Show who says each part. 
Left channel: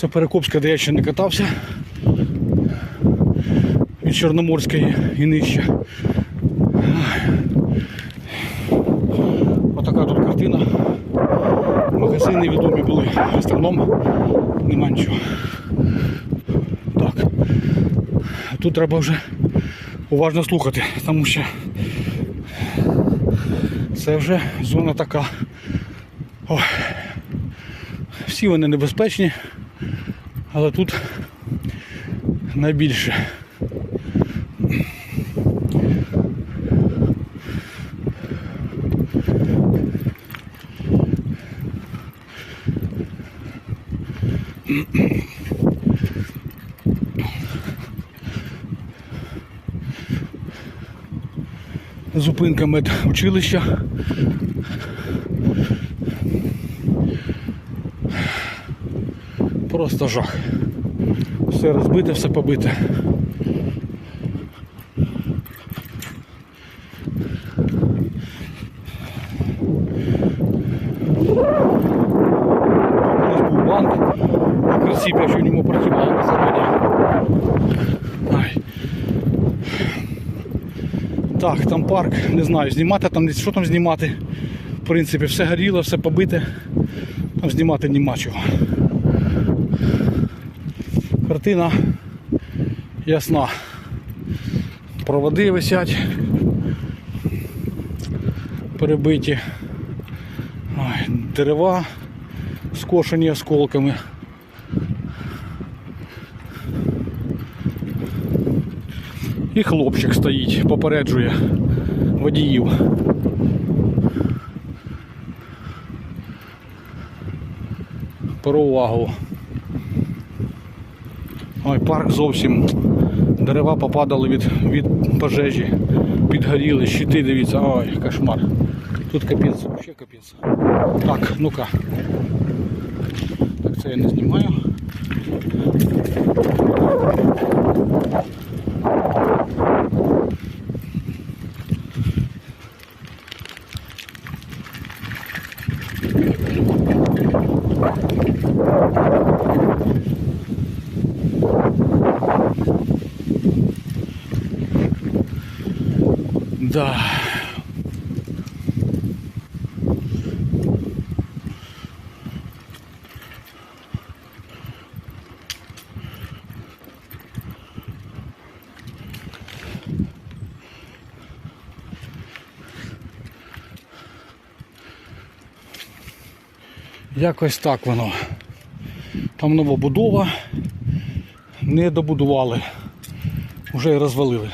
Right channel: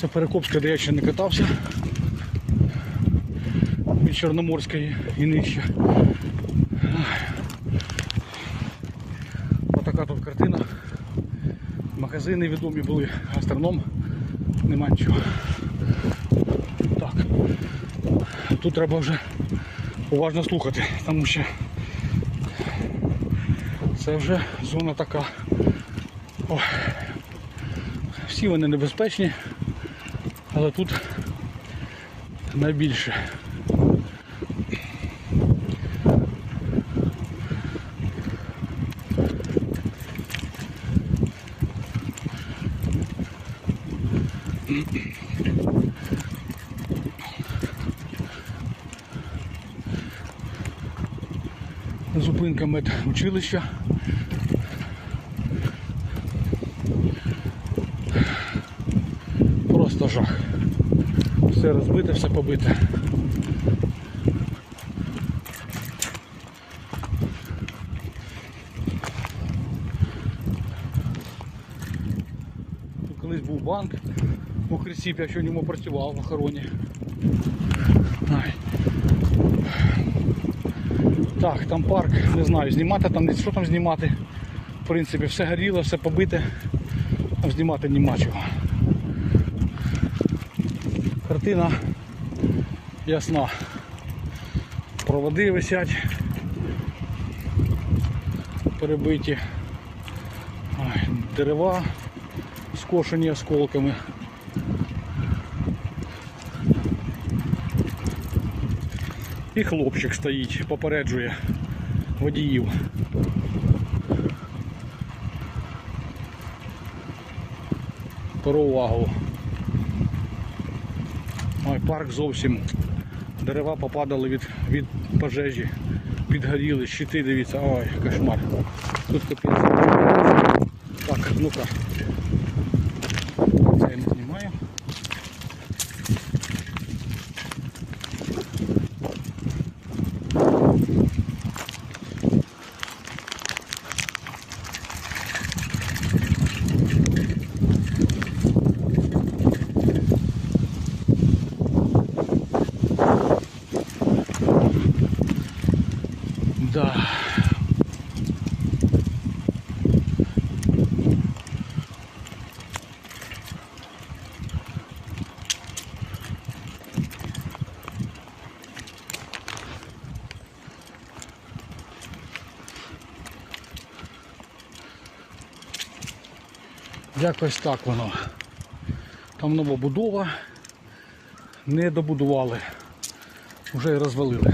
Speaker 1: Це Перекопська, де я ще не катався. Від Чорноморської і нижче. Отака тут картина. Магазини відомі були. В основному нема нічого. Так. Тут треба вже уважно слухати, тому що це вже зона така. Ой. Всі вони небезпечні, але тут найбільше. Зупинка медучилища. Просто жах. Все розбите, все побите. Ось був банк. В ньому працював на заводі. Так, там парк, не знаю, знімати там, що там знімати. В принципі, все горіло, все побите. Знімати нема чого. Картина ясна. Проводи висять. Перебиті. Дерева скошені осколками. І хлопчик стоїть, попереджує водіїв. Про увагу. Ой, парк зовсім. Дерева попадали від, від пожежі, підгоріли, щити, дивіться, ой, кошмар. Тут капець. Так, ну-ка. Це я не знімаю. Да. Якось так воно. Там нова будова, не добудували, вже і розвалили.